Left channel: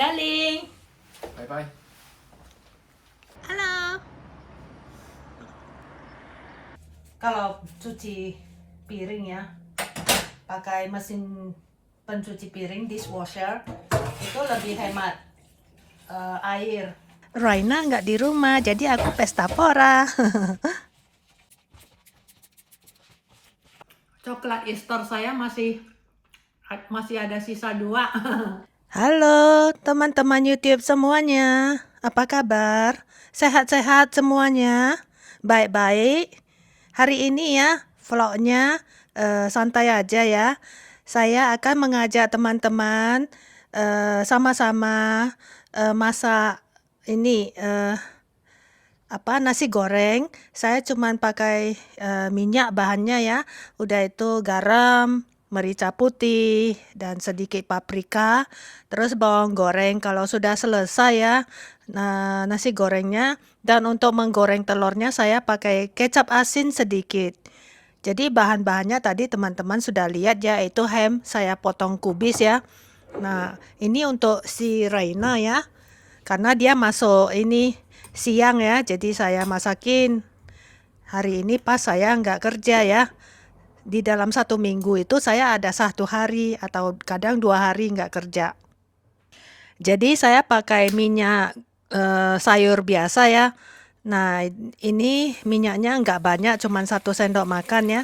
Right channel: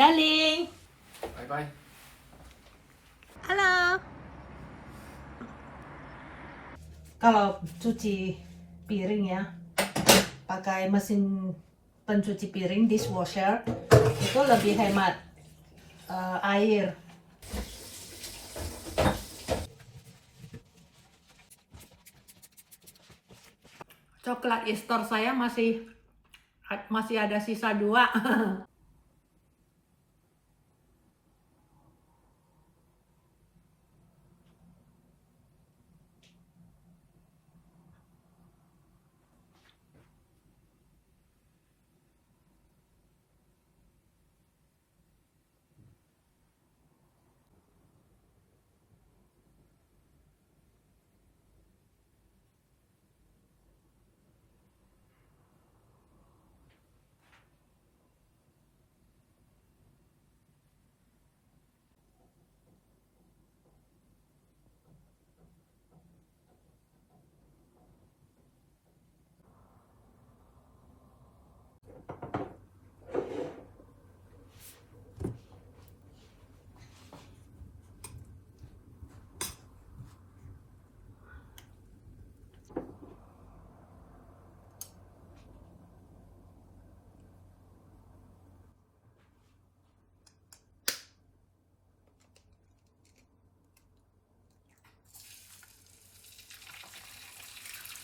Darling. Bye-bye. Halo. Kalau cuci piring ya, pakai mesin pencuci piring dishwasher itu lebih hemat air. Raina nggak di rumah, jadi aku pesta pora. Coklat Easter saya masih ada sisa 2. Halo teman-teman YouTube semuanya, apa kabar? Sehat-sehat semuanya? Baik-baik? Hari ini ya vlognya santai aja ya. Saya akan mengajak teman-teman sama-sama masak ini nasi goreng. Saya cuman pakai minyak bahannya ya. Udah itu garam, merica putih, dan sedikit paprika. Terus bawang goreng. Kalau sudah selesai ya nasi gorengnya. Dan untuk menggoreng telurnya saya pakai kecap asin sedikit. Jadi bahan-bahannya tadi teman-teman sudah lihat ya, itu ham saya potong kubis ya. Nah, ini untuk si Reina ya. Karena dia masuk ini siang ya, jadi saya masakin. Hari ini pas saya nggak kerja ya. Di dalam 1 minggu itu saya ada 1 hari atau kadang 2 hari nggak kerja. Jadi saya pakai minyak sayur biasa ya. Nah, ini minyaknya nggak banyak, cuma 1 sendok makan ya.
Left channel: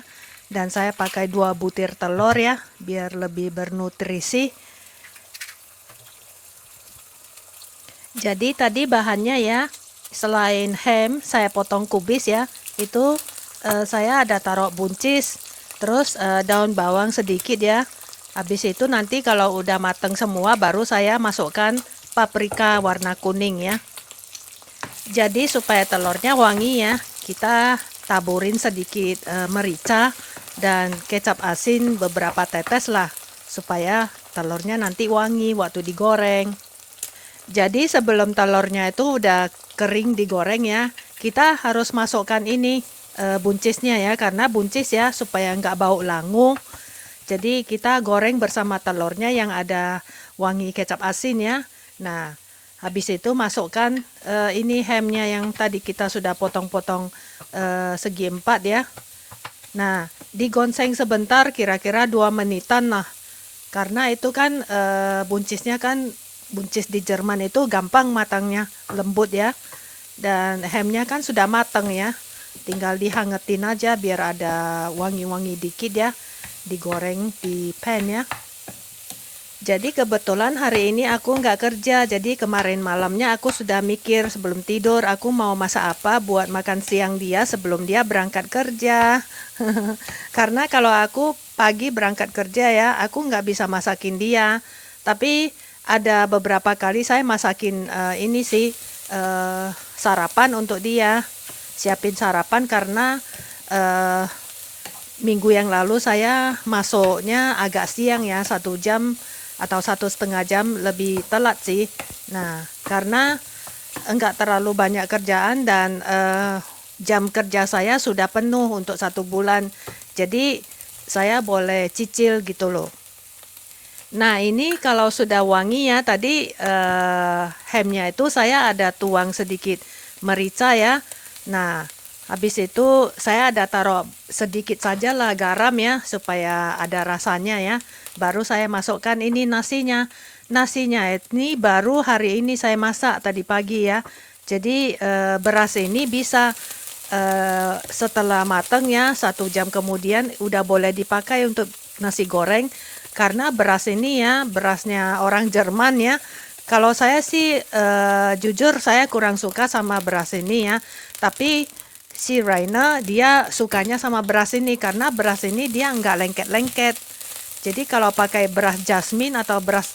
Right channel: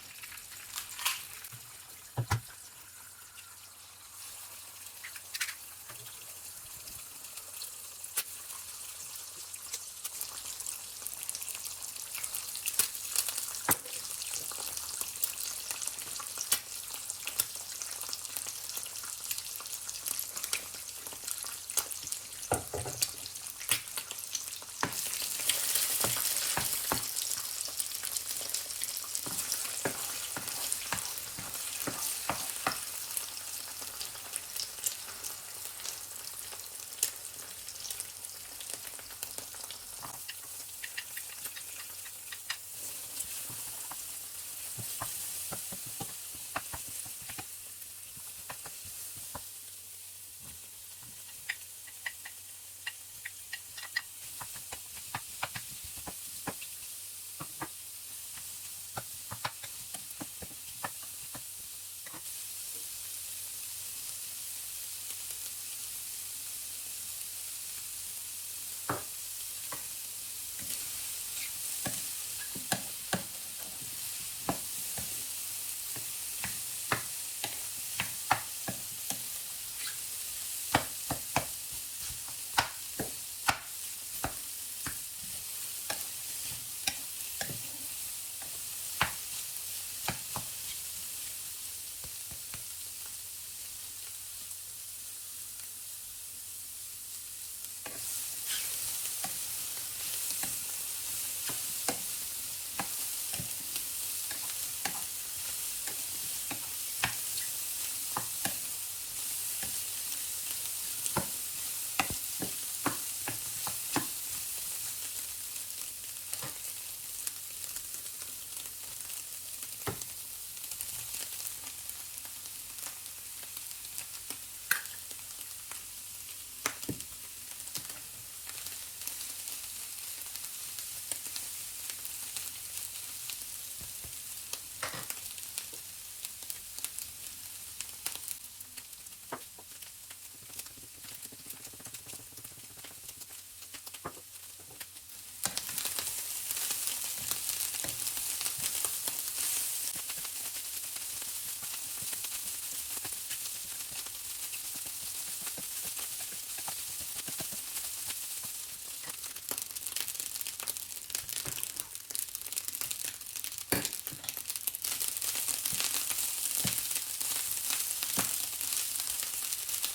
Dan saya pakai 2 butir telur ya, biar lebih bernutrisi. Jadi tadi bahannya ya, selain ham saya potong kubis ya, itu saya ada taruh buncis, terus daun bawang sedikit ya. Habis itu nanti kalau udah mateng semua baru saya masukkan paprika warna kuning ya. Jadi supaya telurnya wangi ya, kita taburin sedikit merica dan kecap asin beberapa tetes lah, supaya telurnya nanti wangi waktu digoreng. Jadi sebelum telurnya itu udah kering digoreng ya, kita harus masukkan ini buncisnya ya, karena buncis ya supaya nggak bau langu. Jadi kita goreng bersama telurnya yang ada wangi kecap asin ya. Nah, habis itu masukkan ini hamnya yang tadi kita sudah potong-potong segi 4 ya. Nah, digonseng sebentar kira-kira 2 menitan lah. Karena itu kan buncisnya kan, buncis di Jerman itu gampang matangnya, lembut ya. Dan hamnya kan sudah matang ya. Tinggal dihangetin aja biar ada wangi-wangi dikit ya. Digoreng di pan ya. Jadi kebetulan hari ini aku nggak kerja, jadi kemarin malamnya aku sudah mikir sebelum tidur aku mau masak apa buat makan siang dia sebelum dia berangkat kerja. Karena kalau aku pagi berangkat kerja ya, aku nggak bisa masakin dia. Tapi ada beberapa kali saya masakin ini sih sarapan untuk dia. Siapin sarapan karena minggu yang lalu saya masuknya agak siang ya, 1 jam atau 1,5 jam lebih telat sih. Nah, karena enggak terlalu banyak kerjaan dan jam kerja saya sudah penuh untuk 1 bulan. Jadi saya boleh cicil gitu loh. Nah, ini kalau sudah wangi ya, tadi hamnya itu saya ada tuang sedikit merica ya. Nah, habis itu saya ada taruh sedikit saja lah garam ya, supaya ada rasanya ya. Baru saya masukkan ini nasinya. Nasinya ini baru hari ini saya masak tadi pagi ya. Jadi beras ini bisa setelah matang ya, 1 jam kemudian udah boleh dipakai untuk nasi goreng. Karena beras ini ya, berasnya orang Jerman ya. Kalau saya sih jujur saya kurang suka sama beras ini ya. Tapi si Raina dia sukanya sama beras ini karena beras ini dia nggak lengket-lengket. Jadi kalau pakai beras jasmine atau beras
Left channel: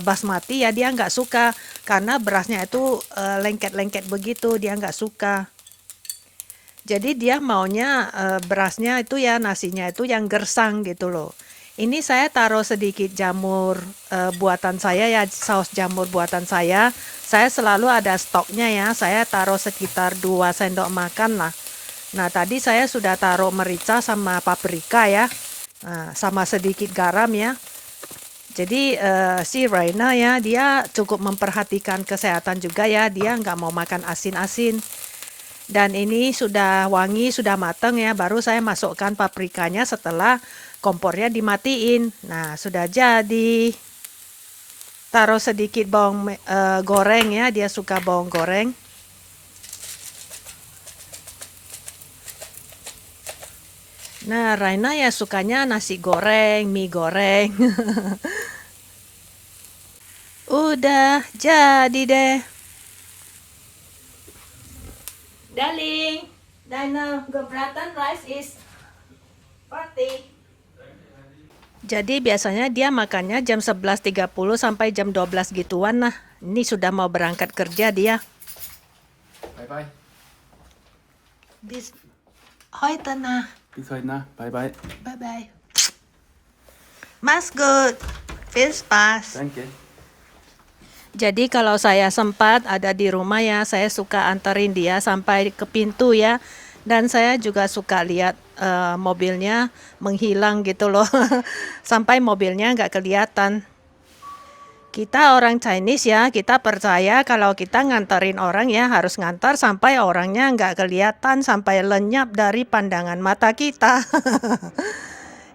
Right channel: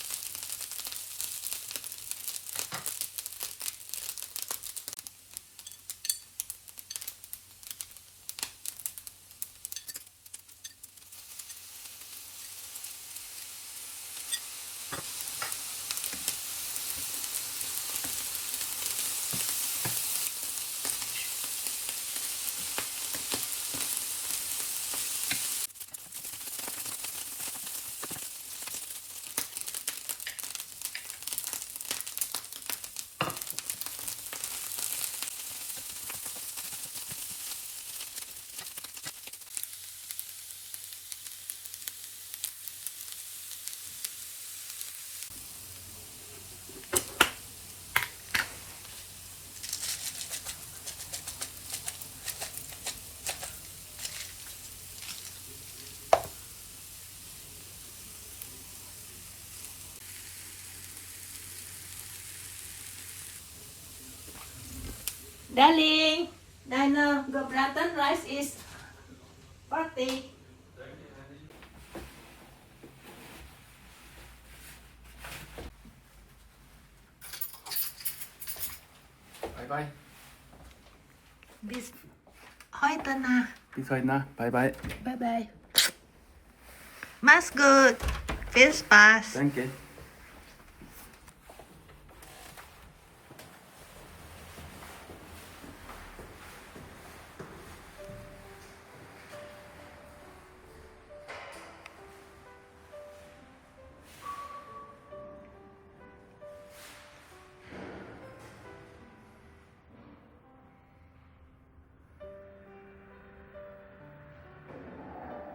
basmati ya dia nggak suka karena berasnya itu lengket-lengket begitu, dia nggak suka. Jadi dia maunya berasnya itu ya, nasinya itu yang gersang gitu loh. Ini saya taruh sedikit jamur buatan saya ya, saus jamur buatan saya. Saya selalu ada stoknya ya, saya taruh sekitar 2 sendok makan lah. Nah tadi saya sudah taruh merica sama paprika ya. Nah, sama sedikit garam ya. Jadi si Raina ya, dia cukup memperhatikan kesehatan juga ya, dia nggak mau makan asin-asin. Dan ini sudah wangi, sudah matang ya, baru saya masukkan paprikanya setelah kompornya dimatiin. Nah, sudah jadi. Taruh sedikit bawang goreng ya, dia suka bawang goreng. Nah, Raina ya sukanya nasi goreng, mie goreng. Udah jadi deh. Darling, Dino, Goblatan rice is party. Jadi biasanya dia makannya jam 11.30 sampai jam 12 gituan. Nah, ini sudah mau berangkat kerja dia. Bye bye. Bis Hoi Tanah. Bis heute Nacht. Bye bye. Bye bye. Mas good. Feels pas. Danke. Jadi kalau saya sempat ada di rumah ya, saya suka anterin dia sampai ke pintu ya. Dan saya juga suka lihat mobilnya menghilang gitu loh. Sampai mobilnya nggak kelihatan. Kita orang Chinese ya, kita percaya kalau kita nganterin orang ya harus ngantar sampai orangnya nggak kelihatan, sampai lenyap dari pandangan mata kita.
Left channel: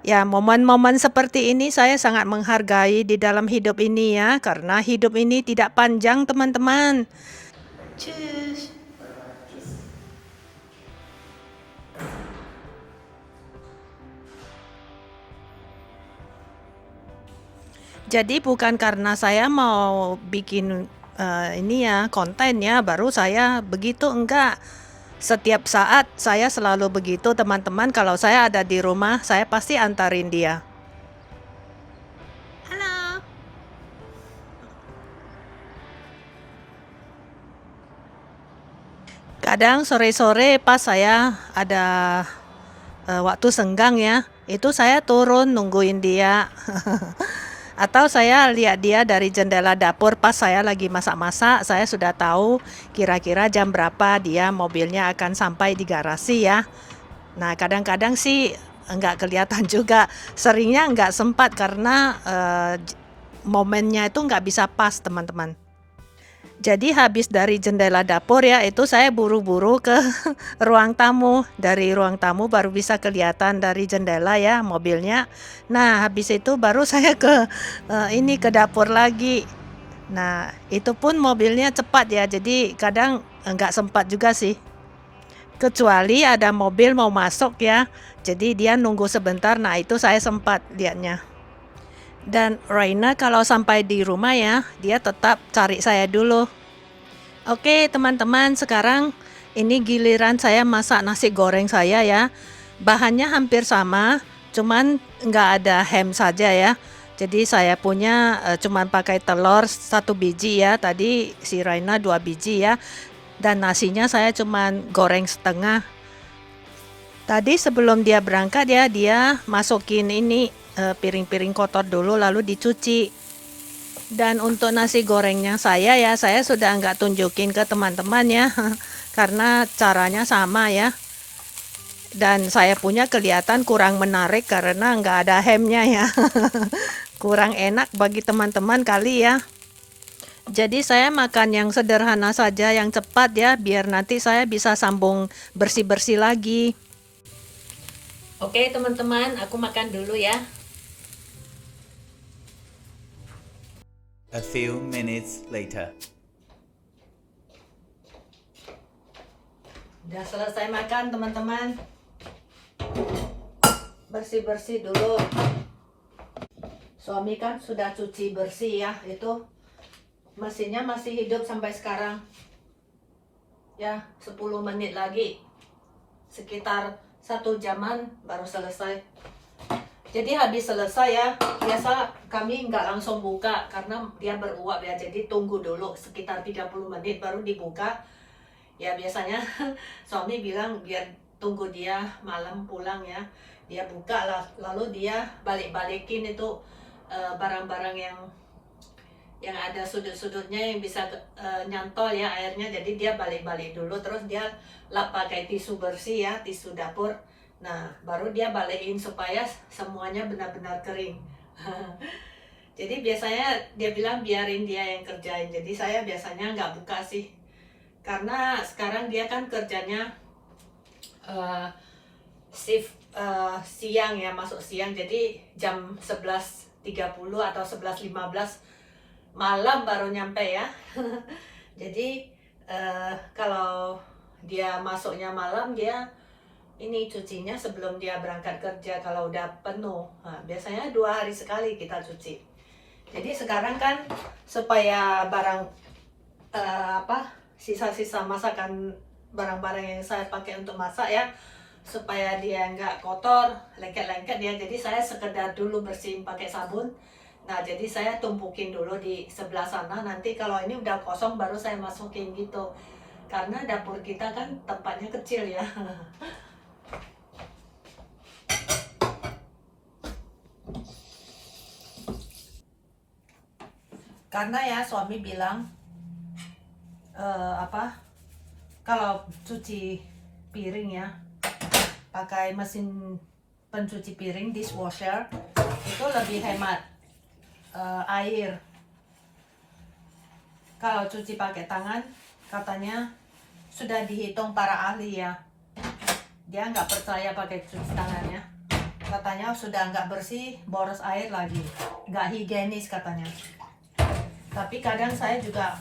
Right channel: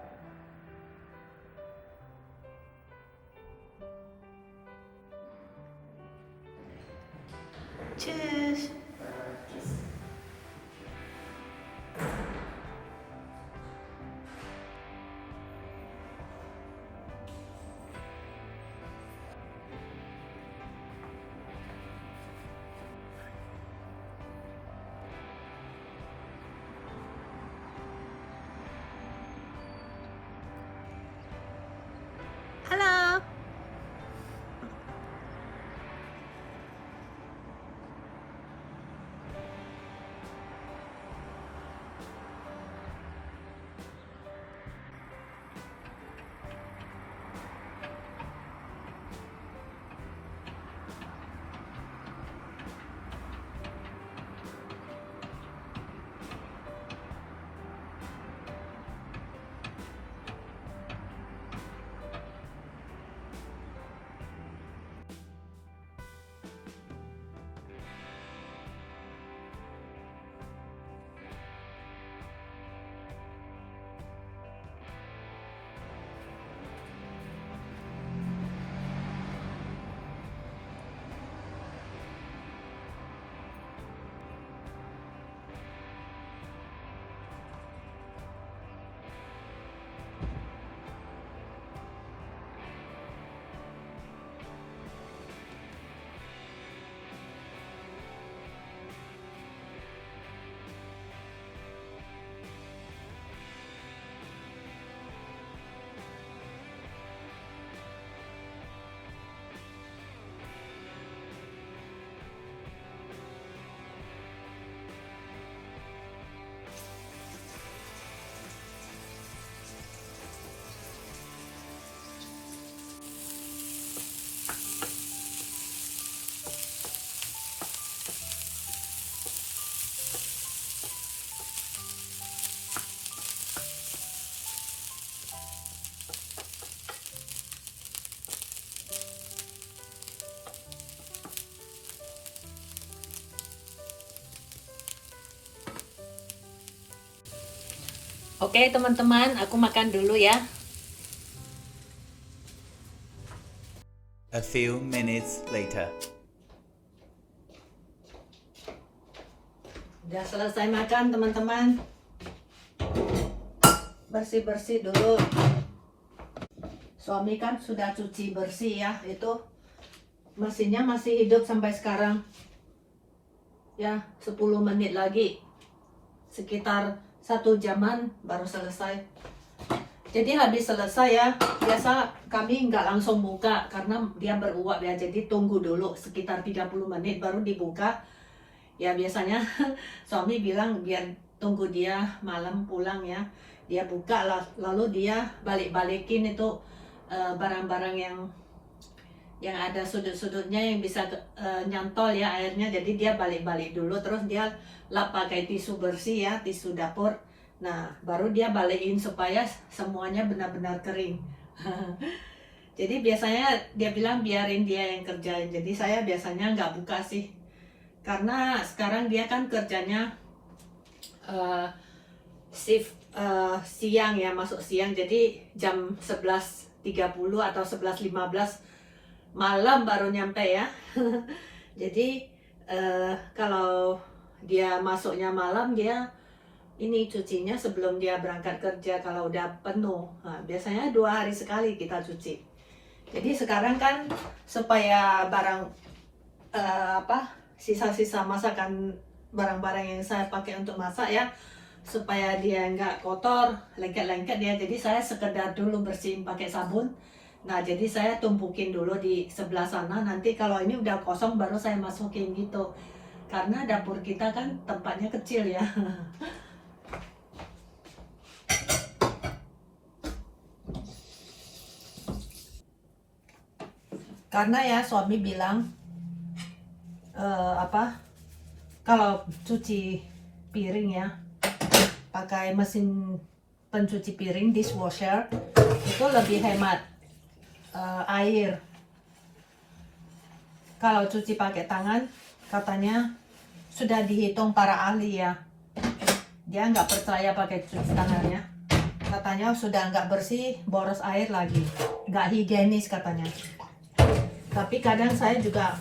Ya, momen-momen seperti ini saya sangat menghargai di dalam hidup ini ya, karena hidup ini tidak panjang teman-teman. Cheers. Jadi bukan karena saya mau bikin ini ya konten ya, baru saya begitu, enggak. Setiap saat saya selalu begitu teman-teman, kalau saya ada di rumah saya pasti antarin dia. Halo. Kadang sore-sore pas saya ada waktu senggang ya, itu saya turun nungguin dia. Atau saya lihat dia dari jendela dapur pas saya lagi masak-masak, saya sudah tahu kira-kira jam berapa dia mobilnya akan sampai di garasi ya. Nah, kadang-kadang sih enggak kelihatan juga, seringnya enggak sempat karena momennya itu enggak bisa pas teman-teman. Jadi habis dari jendela dapur ya, itu saya buru-buru ke ruang tamu. Dari ruang tamu baru bisa kelihatan dari jendela ya mobilnya. Nah, habis itu baru saya ke ini ke dapur lagi. Nah, itu pun mobilnya cepat ya. Jadi kadang enggak sempat juga sih. Kecuali ada mobil mau masuk ya. Jadi dia nunggu sebentar. Nah, itu saya sempat lihatnya. Dan Raina kalau sampai di rumah ya, dia tetap cari saya dulu. Oke teman-teman, sekarang ini giliran saya masak nasi goreng saya ya. Bahannya hampir sama, cuman nggak ada ham saja ya. Jadi saya punya cuman pakai telur 1 biji ya. Tadi si Raina 2 biji ya. Dan nasinya saya cuman goreng setengah. Tadi sebelum dia berangkat ya, dia masukin ini piring-piring kotor dulu lalu dicuci. Dan untuk nasi gorengnya saya ya, saya sudah nggak tunjukin ke teman-teman ya, karena caranya sama ya. Dan saya punya kelihatan kurang menarik karena nggak ada hamnya ya. Kurang enak bagi teman-teman kali ya. Jadi saya makan yang sederhana saja, yang cepat ya, biar nanti saya bisa sambung bersih-bersih lagi. Oke teman-teman, aku makan dulu ya. A few minutes later. Udah selesai makan teman-teman. Bersih-bersih dulu. Suami kan sudah cuci bersih ya, itu mesinnya masih hidup sampai sekarang. Ya, 10 menit lagi. Sekitar 1 jaman baru selesai. Jadi habis selesai ya, biasa kami nggak langsung buka karena dia beruap ya, jadi tunggu dulu sekitar 30 menit baru dibuka. Ya biasanya suami bilang biar tunggu dia malam pulang ya, dia buka lalu dia balik-balikin itu barang-barang yang ada sudut-sudutnya yang bisa nyantol ya airnya, jadi dia balik-balik dulu, terus dia lap pakai tisu bersih ya, tisu dapur. Nah, baru dia balikin supaya semuanya benar-benar kering. Jadi biasanya dia bilang biarin dia yang kerjain. Jadi saya biasanya nggak buka sih. Karena sekarang dia kan kerjanya shift siang ya, masuk siang. Jadi jam 11.30 atau 11.15 malam baru nyampe ya. Jadi kalau dia masuknya malam, dia ini cucinya sebelum dia berangkat kerja kalau udah penuh. Nah, biasanya 2 hari sekali kita cuci. Jadi sekarang kan supaya barang sisa-sisa masakan, barang-barang yang saya pakai untuk masak ya, supaya dia nggak kotor, lengket-lengket dia. Jadi saya sekedar dulu bersihin pakai sabun. Nah, jadi saya tumpukin dulu di sebelah sana. Nanti kalau ini udah kosong baru saya masukin gitu. Karena dapur kita kan tempatnya kecil ya. Karena ya suami bilang kalau cuci piring ya pakai mesin pencuci piring dishwasher itu lebih hemat air. Kalau cuci pakai tangan katanya sudah dihitung para ahli ya, dia nggak percaya pakai cuci tangannya, katanya sudah nggak bersih, boros air lagi, nggak higienis katanya. Tapi kadang saya juga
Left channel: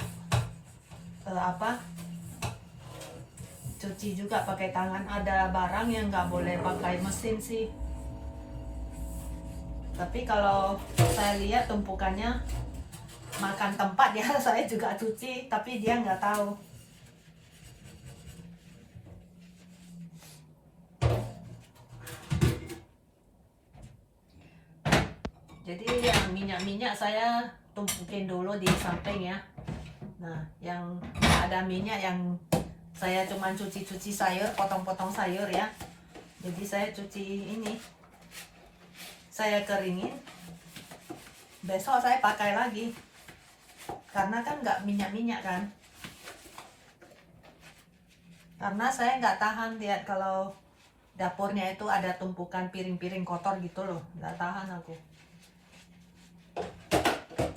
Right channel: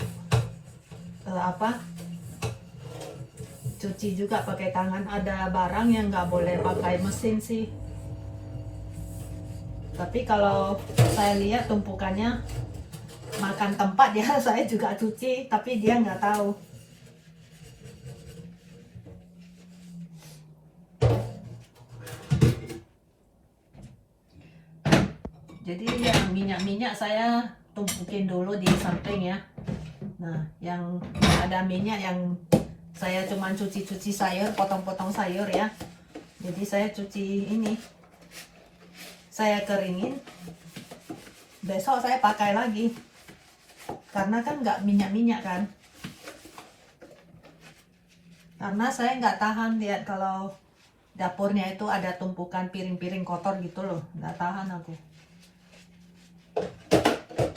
cuci juga pakai tangan. Ada barang yang nggak boleh pakai mesin sih. Tapi kalau saya lihat tumpukannya makan tempat ya, saya juga cuci, tapi dia nggak tahu. Jadi yang minyak-minyak saya tumpukin dulu di samping ya. Nah, yang ada minyak yang saya cuman cuci-cuci sayur, potong-potong sayur ya. Jadi saya cuci ini, saya keringin, besok saya pakai lagi. Karena kan nggak minyak-minyak kan. Karena saya nggak tahan lihat kalau dapurnya itu ada tumpukan piring-piring kotor gitu loh, nggak tahan aku.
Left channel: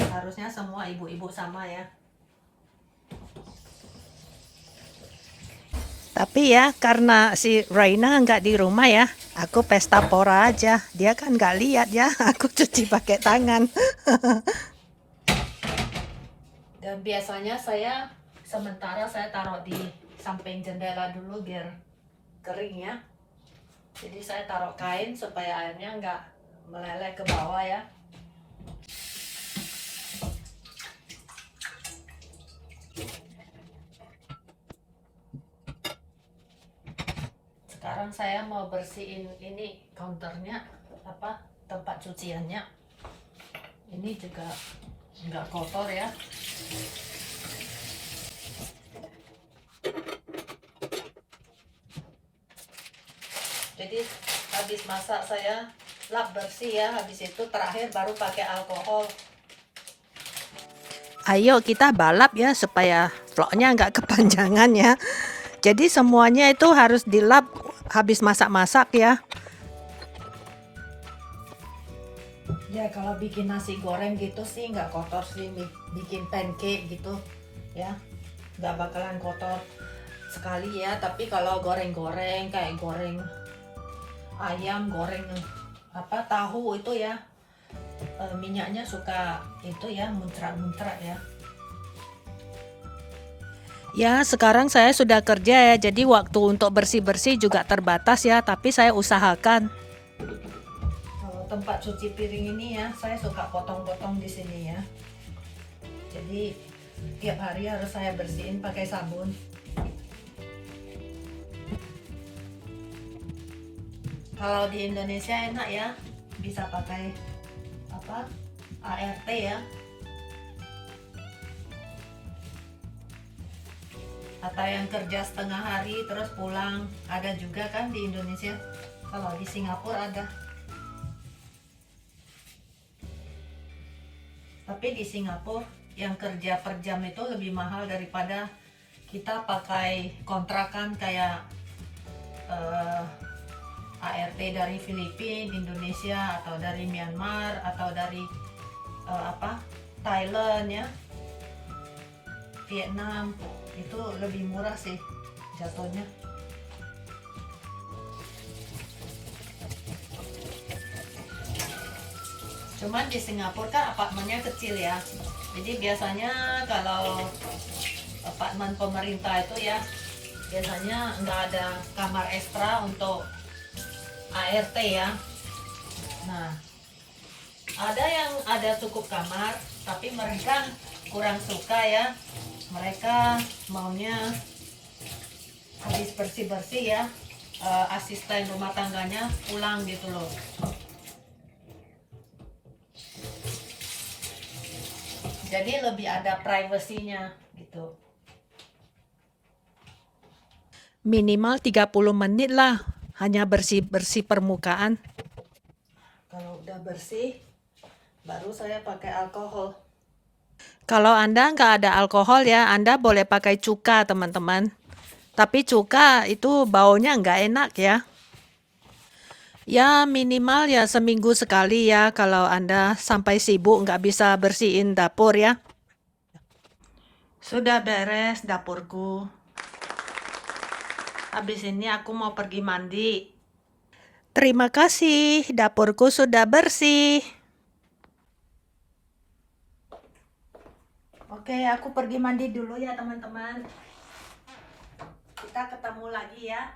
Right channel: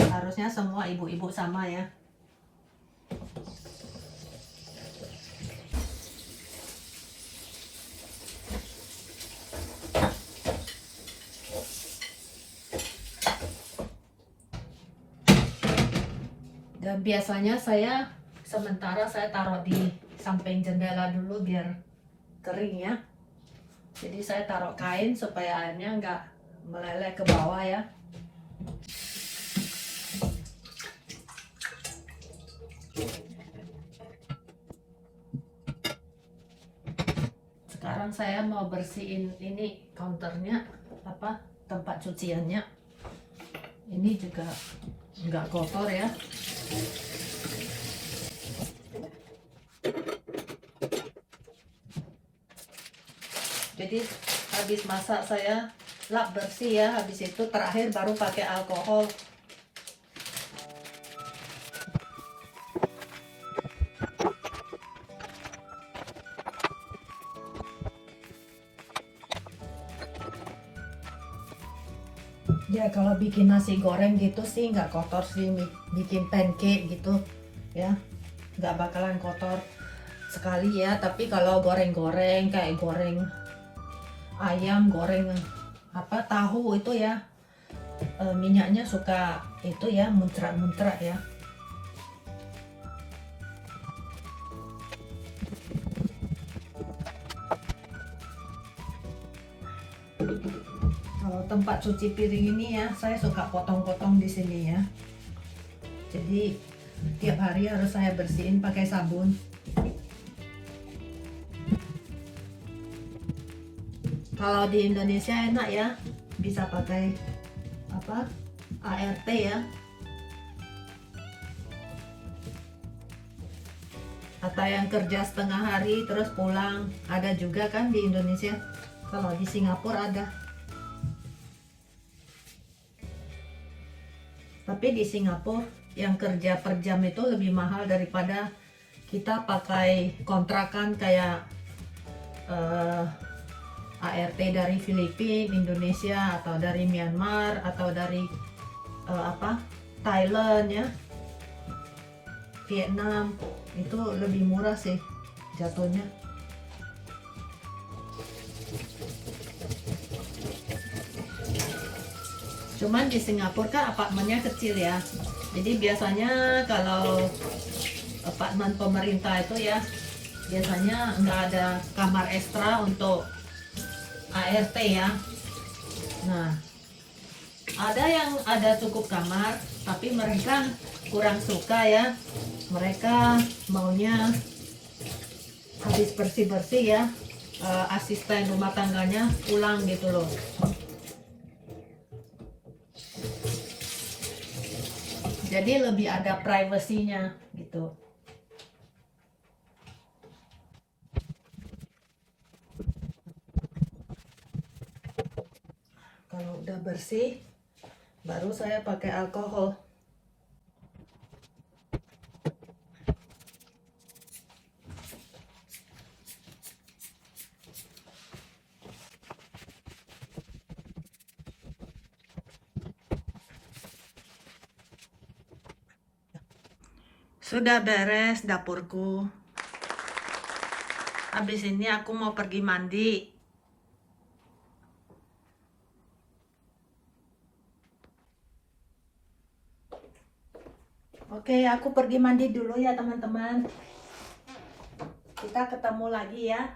Harusnya semua ibu-ibu sama ya. Tapi ya karena si Raina nggak di rumah ya, aku pesta pora aja. Dia kan nggak lihat ya, aku cuci pakai tangan. Dan biasanya saya sementara saya taruh di samping jendela dulu biar kering ya. Jadi saya taruh kain supaya airnya nggak meleleh ke bawah ya. Sekarang saya mau bersihin ini counternya, tempat cuciannya. Ini juga nggak kotor ya. Jadi habis masak saya lap bersih ya, habis itu terakhir baru pakai alkohol. Ayo kita balap ya supaya vlognya nggak kepanjangan ya. Jadi semuanya itu harus dilap habis masak-masak ya. Ya kalau bikin nasi goreng gitu sih nggak kotor sih, bikin pancake gitu ya nggak bakalan kotor sekali ya. Tapi kalau goreng-goreng kayak goreng ayam, goreng tahu itu ya minyaknya suka itu ya muncrat-muncrat ya. Ya sekarang saya sudah kerja ya, jadi waktu untuk bersih-bersih juga terbatas ya, tapi saya usahakan. Kalau tempat cuci piring ini ya, saya suka potong-potong di sini ya. Jadi tiap hari harus saya bersihin pakai sabun. Kalau di Indonesia enak ya, bisa pakai ART ya. Atau yang kerja setengah hari terus pulang, ada juga kan di Indonesia. Kalau di Singapura ada. Tapi di Singapura yang kerja per jam itu lebih mahal daripada kita pakai kontrakan kayak ART dari Filipina, Indonesia, atau dari Myanmar, atau dari Thailand ya, Vietnam, itu lebih murah sih jatuhnya. Cuman di Singapura kan apartemennya kecil ya, jadi biasanya kalau apartemen pemerintah itu ya, biasanya nggak ada kamar ekstra untuk ART ya. Nah, ada yang ada cukup kamar, tapi mereka kurang suka ya. Mereka maunya habis bersih-bersih ya, asisten rumah tangganya pulang gitu loh. Jadi lebih ada privasinya gitu. Minimal 30 menit lah, hanya bersih-bersih permukaan. Kalau udah bersih, baru saya pakai alkohol. Kalau Anda nggak ada alkohol ya, Anda boleh pakai cuka teman-teman. Tapi cuka itu baunya nggak enak ya. Ya minimal ya seminggu sekali ya, kalau Anda sampai sibuk nggak bisa bersihin dapur ya. Sudah beres dapurku. Habis ini aku mau pergi mandi. Terima kasih, dapurku sudah bersih. Oke, aku pergi mandi dulu ya teman-teman. Kita ketemu lagi ya.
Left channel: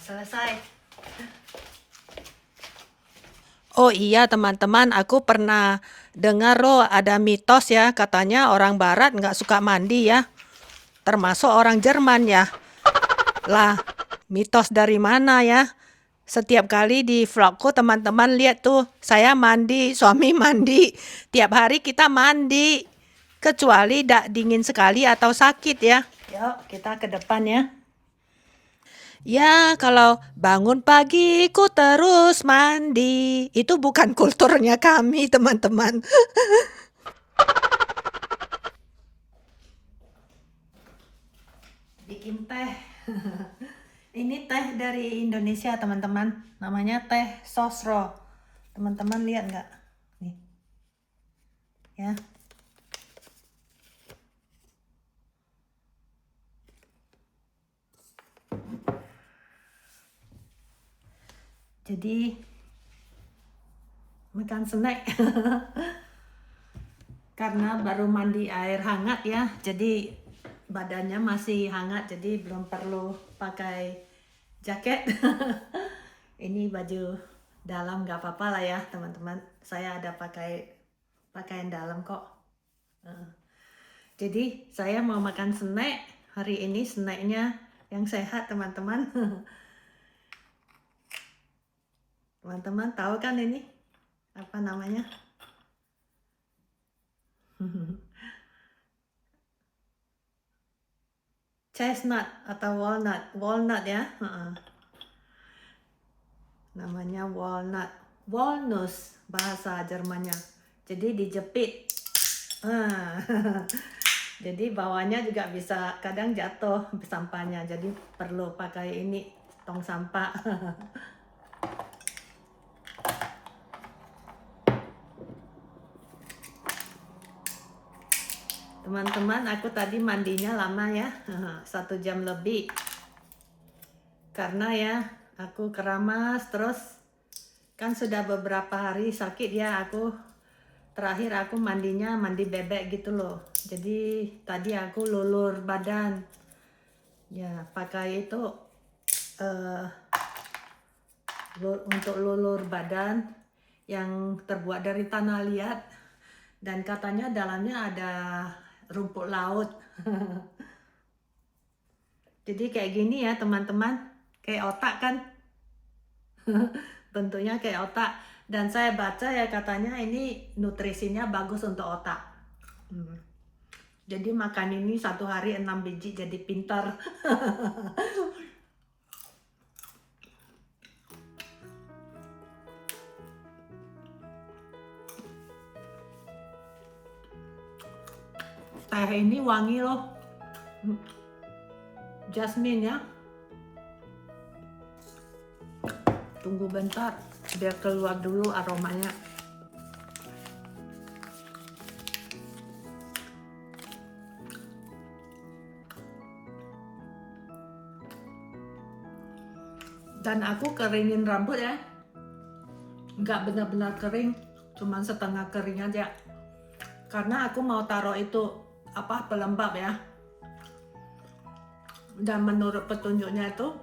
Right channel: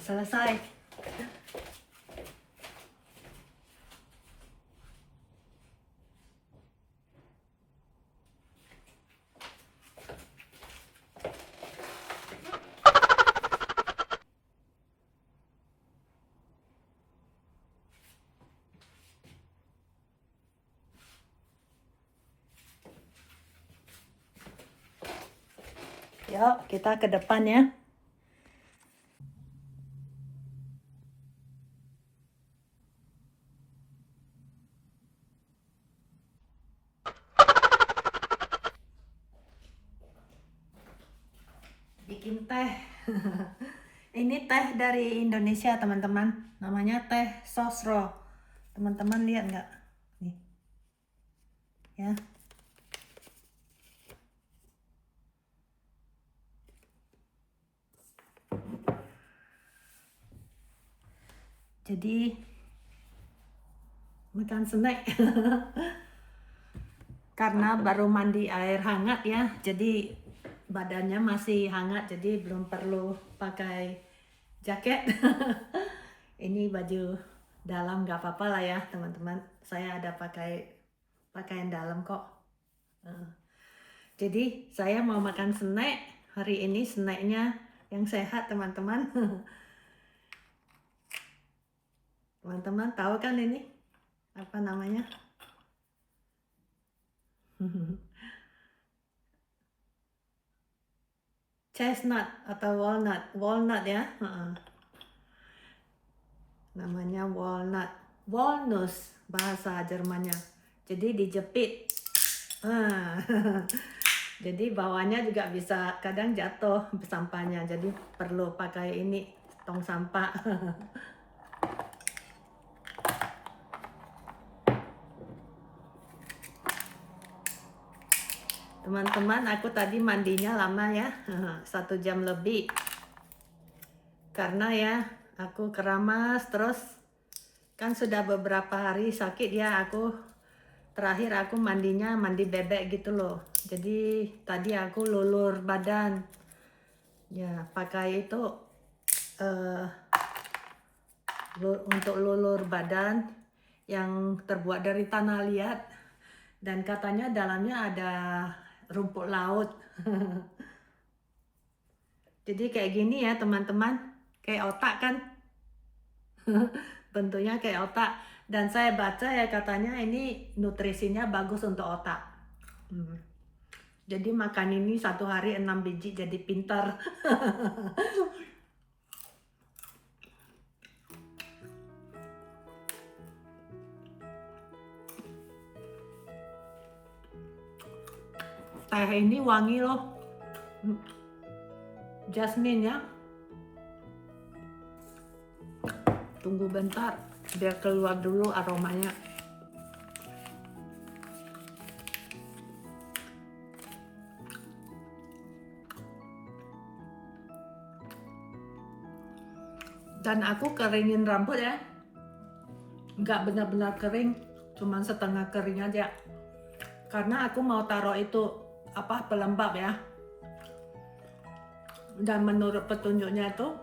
Selesai. Oh iya teman-teman, aku pernah dengar loh ada mitos ya, katanya orang barat nggak suka mandi ya, termasuk orang Jerman ya. Lah, mitos dari mana ya? Setiap kali di vlogku teman-teman lihat tuh, saya mandi, suami mandi, tiap hari kita mandi, kecuali dingin sekali atau sakit ya. Yuk kita ke depan ya. Ya, kalau bangun pagi ku terus mandi. Itu bukan kulturnya kami, teman-teman. Bikin teh. Ini teh dari Indonesia, teman-teman. Namanya teh sosro. Teman-teman lihat nggak? Nih. Ya. Jadi makan snack karena baru mandi air hangat ya, jadi badannya masih hangat, jadi belum perlu pakai jaket. Ini baju dalam nggak apa-apa lah ya teman-teman, saya ada pakai pakaian dalam kok. Jadi saya mau makan snack hari ini, snacknya yang sehat teman-teman. Teman-teman tahu kan ini apa namanya? Chestnut atau walnut ya. Namanya walnuts bahasa Jermannya. Jadi dijepit. Jadi bawahnya juga bisa kadang jatuh sampahnya. Jadi perlu pakai ini tong sampah. Teman-teman, aku tadi mandinya lama ya, 1 jam lebih. Karena ya, aku keramas terus, kan sudah beberapa hari sakit ya, terakhir aku mandinya mandi bebek gitu loh. Jadi tadi aku lulur badan. Ya, pakai itu untuk lulur badan yang terbuat dari tanah liat. Dan katanya dalamnya ada rumput laut. Jadi kayak gini ya teman-teman, kayak otak kan. Bentuknya kayak otak. Dan saya baca ya katanya ini nutrisinya bagus untuk otak. Jadi makan ini 1 hari 6 biji jadi pintar. Teh ini wangi loh. Jasmine ya. Tunggu bentar biar keluar dulu aromanya. Dan aku keringin rambut ya, nggak benar-benar kering, cuman setengah kering aja, karena aku mau taruh itu pelembab ya. Dan menurut petunjuknya itu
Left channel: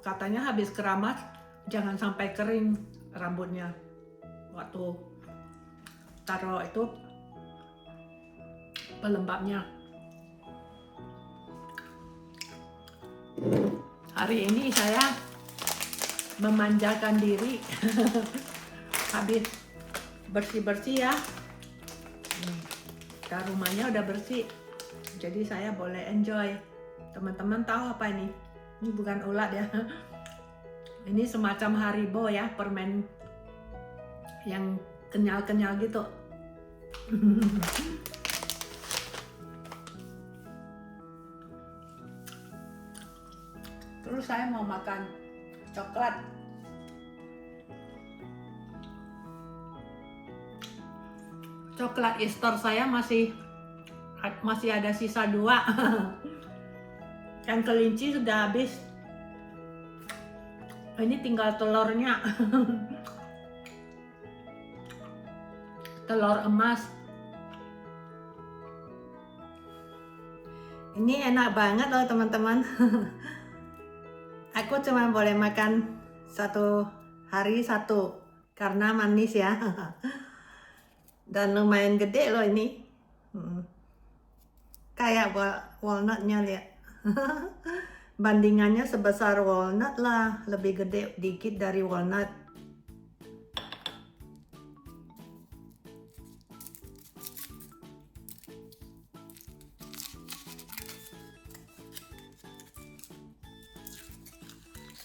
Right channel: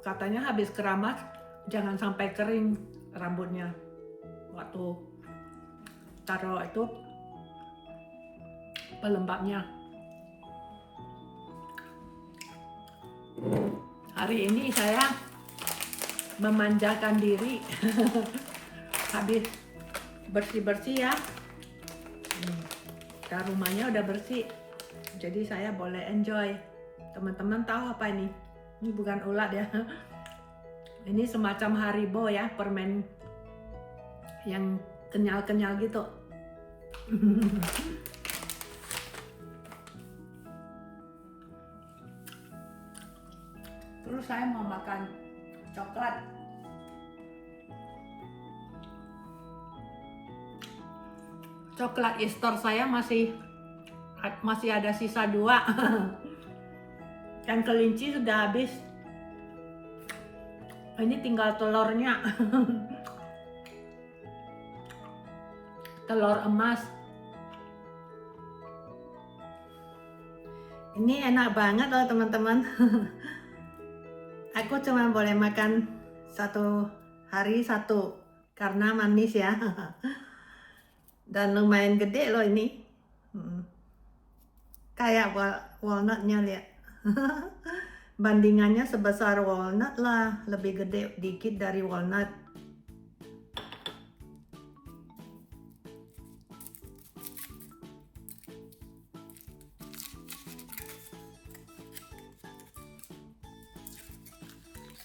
katanya habis keramas jangan sampai kering rambutnya waktu taruh itu pelembabnya. Hari ini saya memanjakan diri habis bersih-bersih ya. Dan rumahnya udah bersih, jadi saya boleh enjoy. Teman-teman tahu apa ini? Ini bukan ulat ya. Ini semacam Haribo ya, permen yang kenyal-kenyal gitu. Terus saya mau makan coklat. Coklat Easter saya masih ada sisa 2. Yang kelinci sudah habis. Ini tinggal telurnya. Telur emas. Ini enak banget loh teman-teman. Aku cuma boleh makan 1 hari 1 karena manis ya. Dan lumayan gede loh ini. Kayak walnutnya lihat. Bandingannya sebesar walnut lah, lebih gede dikit dari walnut.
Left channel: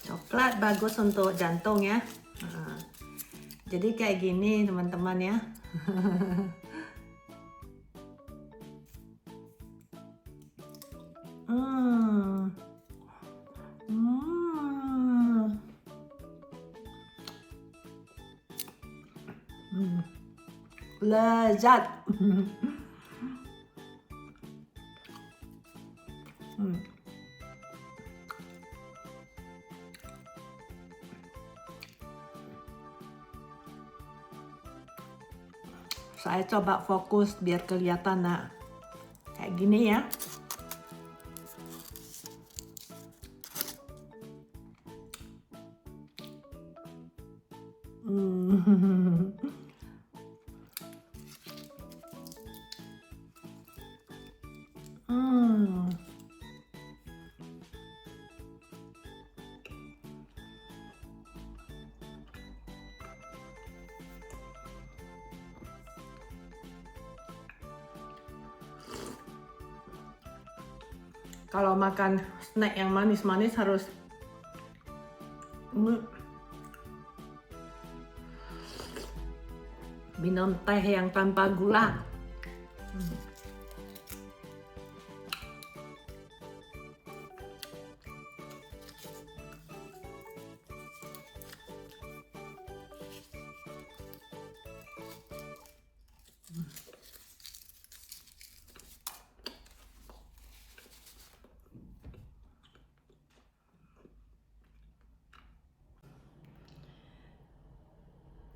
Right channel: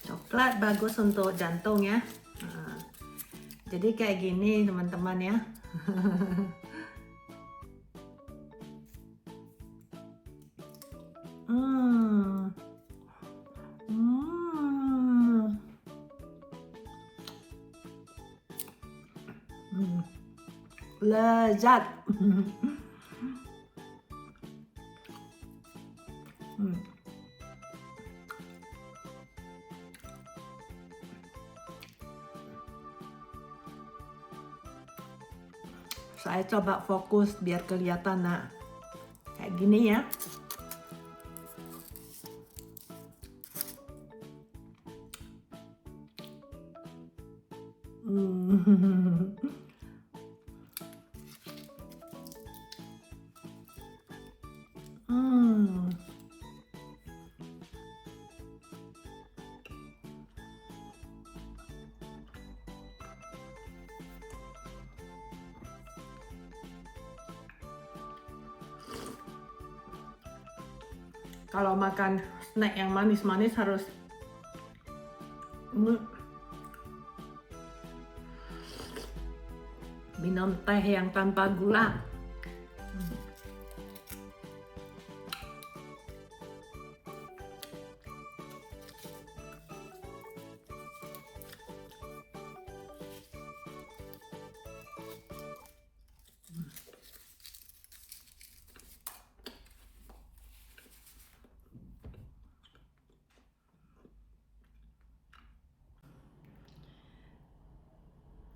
Coklat bagus untuk jantung ya. Jadi kayak gini teman-teman ya. Lezat. Saya coba fokus biar kelihatan kayak gini ya. Kalau makan snack yang manis-manis harus minum teh yang tanpa gula.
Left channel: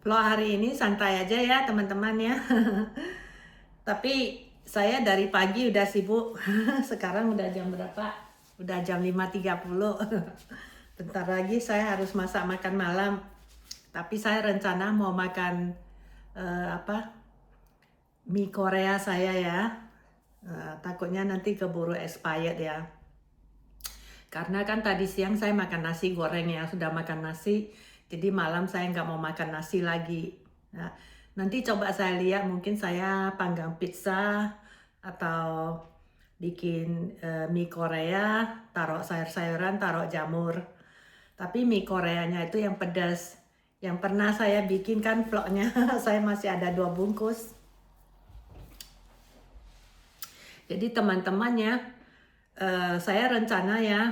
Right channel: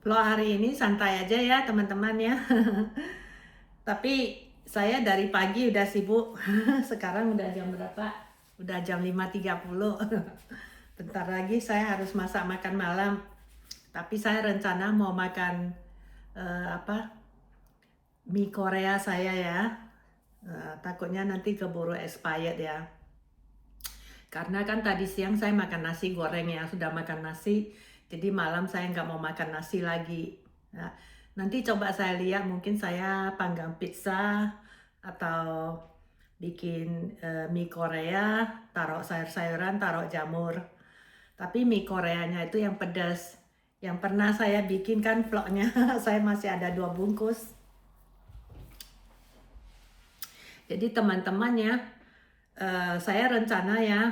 Vlog hari ini santai aja ya teman-teman ya. Tapi saya dari pagi udah sibuk. Sekarang udah jam berapa? Udah jam 5.30. Bentar lagi saya harus masak makan malam. Tapi saya rencana mau makan mie Korea saya ya. Takutnya nanti keburu expired ya. Karena kan tadi siang saya makan nasi goreng ya, sudah makan nasi. Jadi malam saya nggak mau makan nasi lagi. Nah, nanti coba saya lihat, mungkin saya panggang pizza atau bikin mie Korea, taruh sayur-sayuran, taruh jamur. Tapi mie Koreanya itu yang pedas. Yang pernah saya bikin kan vlognya, saya masih ada 2 bungkus. Jadi teman-teman ya, saya rencana ya,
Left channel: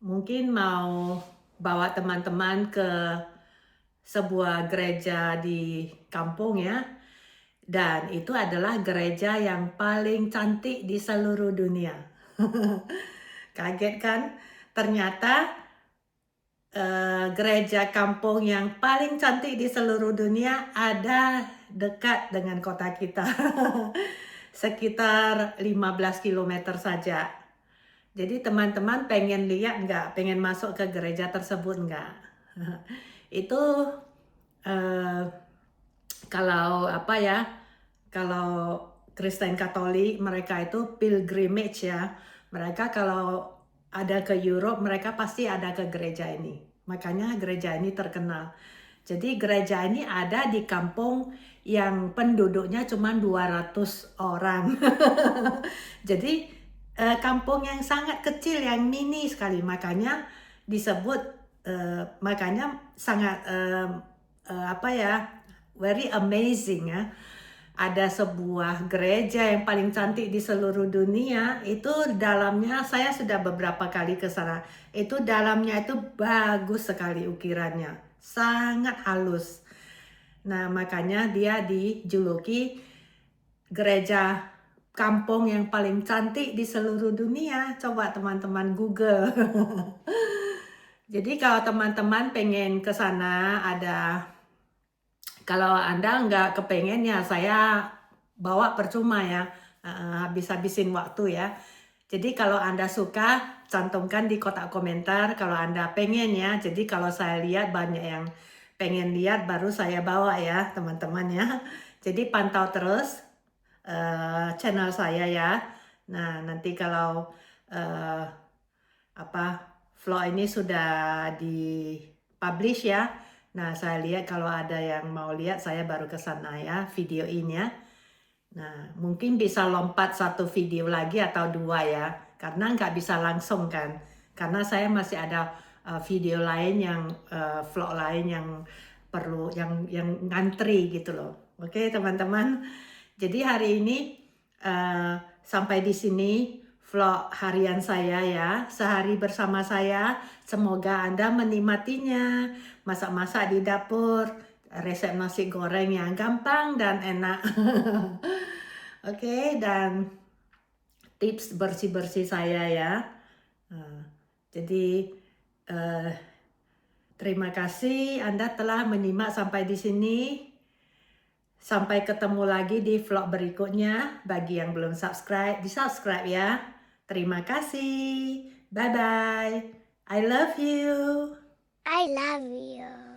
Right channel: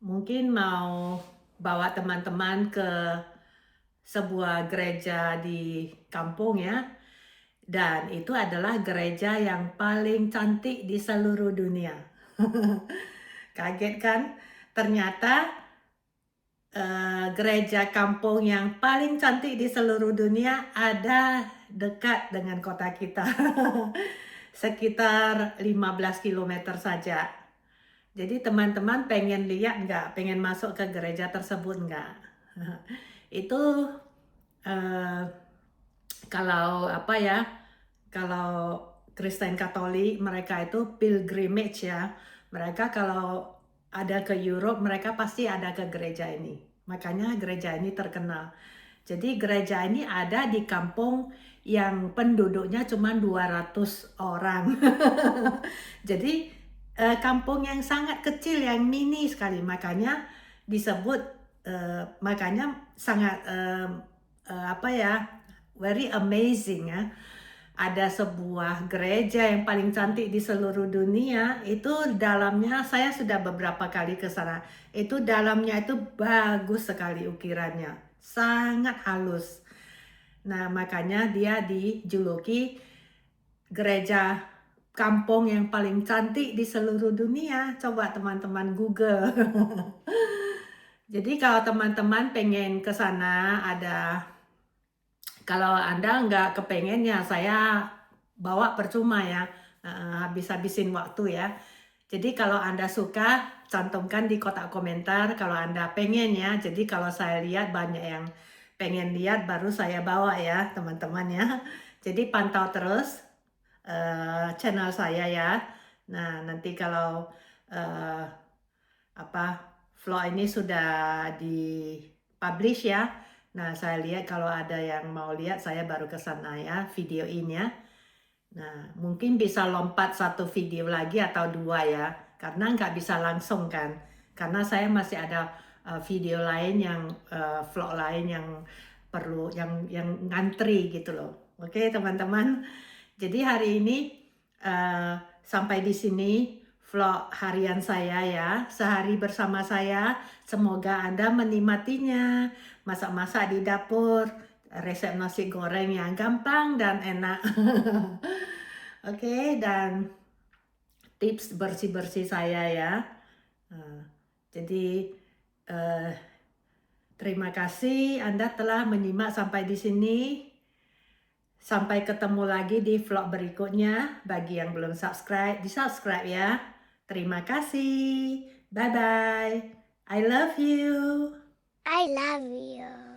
mungkin mau bawa teman-teman ke sebuah gereja di kampung ya. Dan itu adalah gereja yang paling cantik di seluruh dunia. Kaget kan? Ternyata gereja kampung yang paling cantik di seluruh dunia ada dekat dengan kota kita. Sekitar 15 km saja. Jadi teman-teman pengen lihat nggak? Pengen masuk ke gereja tersebut nggak? Itu kalau apa ya? Kalau Kristen Katolik mereka itu pilgrimage ya. Mereka kalau ada ke Europe mereka pasti ada ke gereja ini. Makanya gereja ini terkenal. Jadi gereja ini ada di kampung yang penduduknya cuma 200 orang. Jadi kampung yang sangat kecil, yang mini sekali. Makanya disebut, makanya sangat apa ya, very amazing ya. Ada sebuah gereja yang paling cantik di seluruh dunia. Itu dalamnya, saya sudah beberapa kali ke sana. Itu dalamnya itu bagus sekali ukirannya, sangat halus. Nah, makanya dia dijuluki gereja kampung yang paling cantik di seluruh dunia. Coba teman-teman Google. Jadi kalau teman-teman pengen ke sana, kalau Anda nggak kepengen ya saya bawa percuma ya, habis-habisin waktu ya. Jadi kalau Anda suka, cantumkan di kotak komentar kalau Anda pengen ya. Jadi kalau saya lihat banyak yang pengen lihat, baru saya bawa ya teman-teman ya. Jadi pantau terus channel saya ya. Nah, nanti kalau vlog ini sudah di-publish ya. Nah, saya lihat kalau ada yang mau lihat, saya baru ke sana ya, videoin ya. Nah, mungkin bisa lompat 1 video lagi atau 2 ya, karena nggak bisa langsung kan. Karena saya masih ada video lain yang vlog lain yang perlu yang ngantri gitu loh. Oke, teman-teman. Jadi hari ini sampai di sini vlog harian saya ya, sehari bersama saya. Semoga Anda menikmatinya, masak-masak di dapur, resep nasi goreng yang gampang dan enak. Oke, dan tips bersih-bersih saya ya. Jadi terima kasih Anda telah menyimak sampai di sini. Sampai ketemu lagi di vlog berikutnya. Bagi yang belum subscribe, di-subscribe ya. Terima kasih. Bye-bye. I love you. I love you.